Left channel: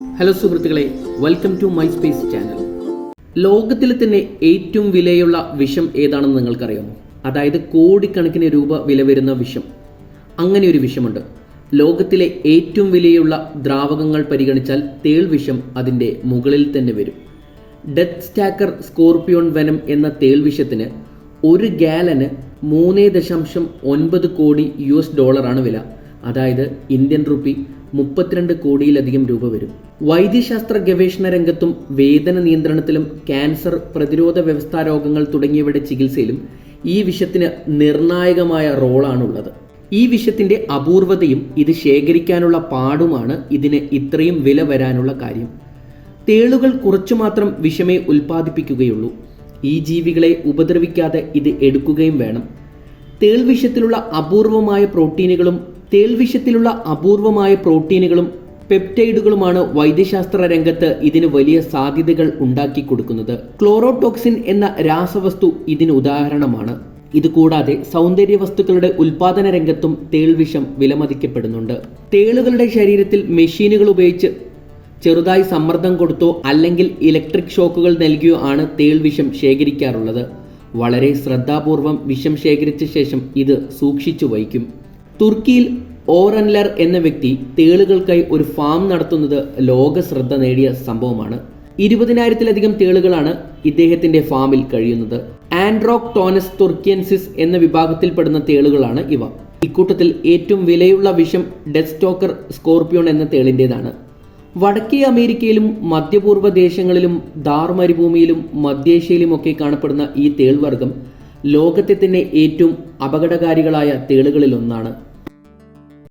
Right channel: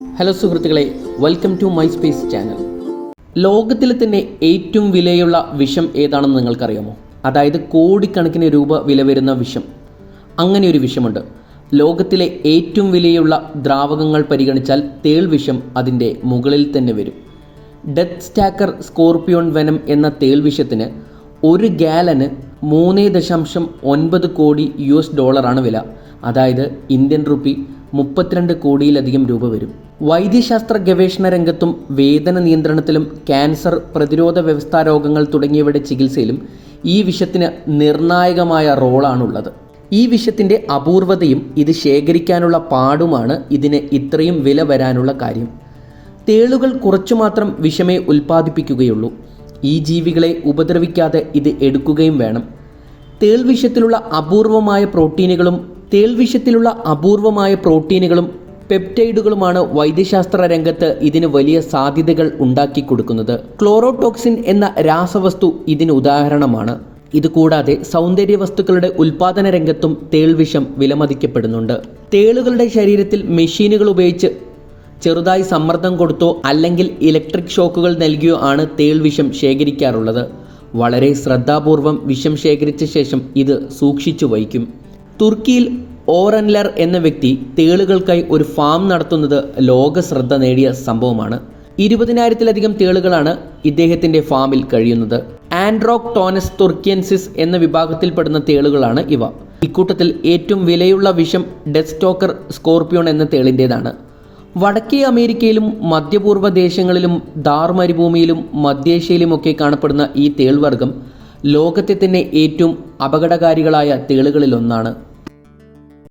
Hello സുഹൃത്തുക്കളെ, welcome to my space channel. ലോകത്തിലെ തന്നെ ഏറ്റവും വിലയുള്ള വിഷം ഏതാണെന്ന് നിങ്ങൾക്കറിയാമോ? അതായത് കോടിക്കണക്കിന് രൂപ വില വരുന്ന വിഷം. അങ്ങനെ ഒരു വിഷമുണ്ട്. ലോകത്തിലെ ഏറ്റവും വിലയുള്ള ദ്രാവകങ്ങൾ പരിഗണിച്ചാൽ തേൾ വിഷം അതിൻ്റെ മുകളിൽ തന്നെ വരും. ഡെത്ത് സ്റ്റാക്കർ സ്കോർപിയോൺ വെനം എന്ന തേൾ വിഷത്തിന് 1 ഗാലന് 3.9 കോടി US$ വില. അതായത് ഇന്ത്യൻ റുപ്പി 32 കോടിയിലധികം രൂപ വരും. വൈദ്യശാസ്ത്ര ഗവേഷണ രംഗത്തും വേദന നിയന്ത്രണത്തിലും ക്യാൻസർ, പ്രതിരോധ വ്യവസ്ഥാ രോഗങ്ങൾ തുടങ്ങിയവയുടെ ചികിത്സയിലും ഈ വിഷത്തിന് നിർണായകമായ റോളാണുള്ളത്. ഈ വിഷത്തിൻ്റെ അപൂർവതയും ഇത് ശേഖരിക്കാനുള്ള പാടുമാണ് ഇതിന് ഇത്രയും വില വരാനുള്ള കാര്യം. തേളുകൾ കുറച്ചു മാത്രം വിഷമേ ഉൽപ്പാദിപ്പിക്കുകയുള്ളൂ. ഈ ജീവികളെ ഉപദ്രവിക്കാതെ ഇത് എടുക്കുകയും വേണം. തേൾ വിഷത്തിലുള്ള അപൂർവമായ പ്രോട്ടീനുകളും പെപ്റ്റൈഡുകളുമാണ് വൈദ്യശാസ്ത്ര രംഗത്ത് ഇതിന് വലിയ സാധ്യതകൾ ഉണ്ടാക്കി കൊടുക്കുന്നത്. ക്ലോറോടോക്സിൻ എന്ന രാസവസ്തു ഇതിന് ഉദാഹരണമാണ്. ഇതുകൂടാതെ സൗന്ദര്യ വസ്തുക്കളുടെ ഉൽപാദന രംഗത്തും തേൾ വിഷം വിലമതിക്കപ്പെടുന്നുണ്ട്. തേളുകളുടെ ശരീരത്തിൽ മെഷീനുകൾ ഉപയോഗിച്ച് ചെറുതായി സമ്മർദ്ദം കൊടുത്തോ അല്ലെങ്കിൽ ഇലക്ട്രിക് ഷോക്കുകൾ നൽകിയോ ആണ് തേൾ വിഷം ശേഖരിക്കാറുള്ളത്. വളരെ ശ്രദ്ധാപൂർവം വിഷം ശേഖരിച്ച ശേഷം ഇത് സൂക്ഷിച്ചു വയ്ക്കും. തുർക്കിയിൽ ഓറൻലർ എന്ന വ്യക്തി തേളുകൾക്കായി ഒരു ഫാം നടത്തുന്നത് ലോക ശ്രദ്ധ നേടിയ സംഭവമാണ്. 20,000-ലധികം തേളുകളാണ് ഇദ്ദേഹത്തിൻ്റെ ഫാമിൽ കഴിയുന്നത്. ആൻഡ്രോക്ടോനസ് തുർക്കിയൻസിസ് എന്ന വിഭാഗത്തിൽപ്പെടുന്ന തേളുകളാണ് ഇവ. ഇക്കൂട്ടത്തിൽ ഏറ്റവും വിലയുള്ള വിഷം ഡെത്ത് സ്റ്റാക്കർ സ്കോർപിയോൺ എന്ന തേളിൻ്റേതാണ്. വടക്കേ അമേരിക്കയിലും മധ്യപൂർവ്വ ദേശങ്ങളിലും ഥാർ മരുഭൂമിയിലും മധ്യേഷ്യയിലുമൊക്കെ കാണപ്പെടുന്ന ഈ തേൾവർഗം ലോകത്തെ തന്നെ ഏറ്റവും അപകടകാരികളായ തേളുകളിലൊന്നാണ്.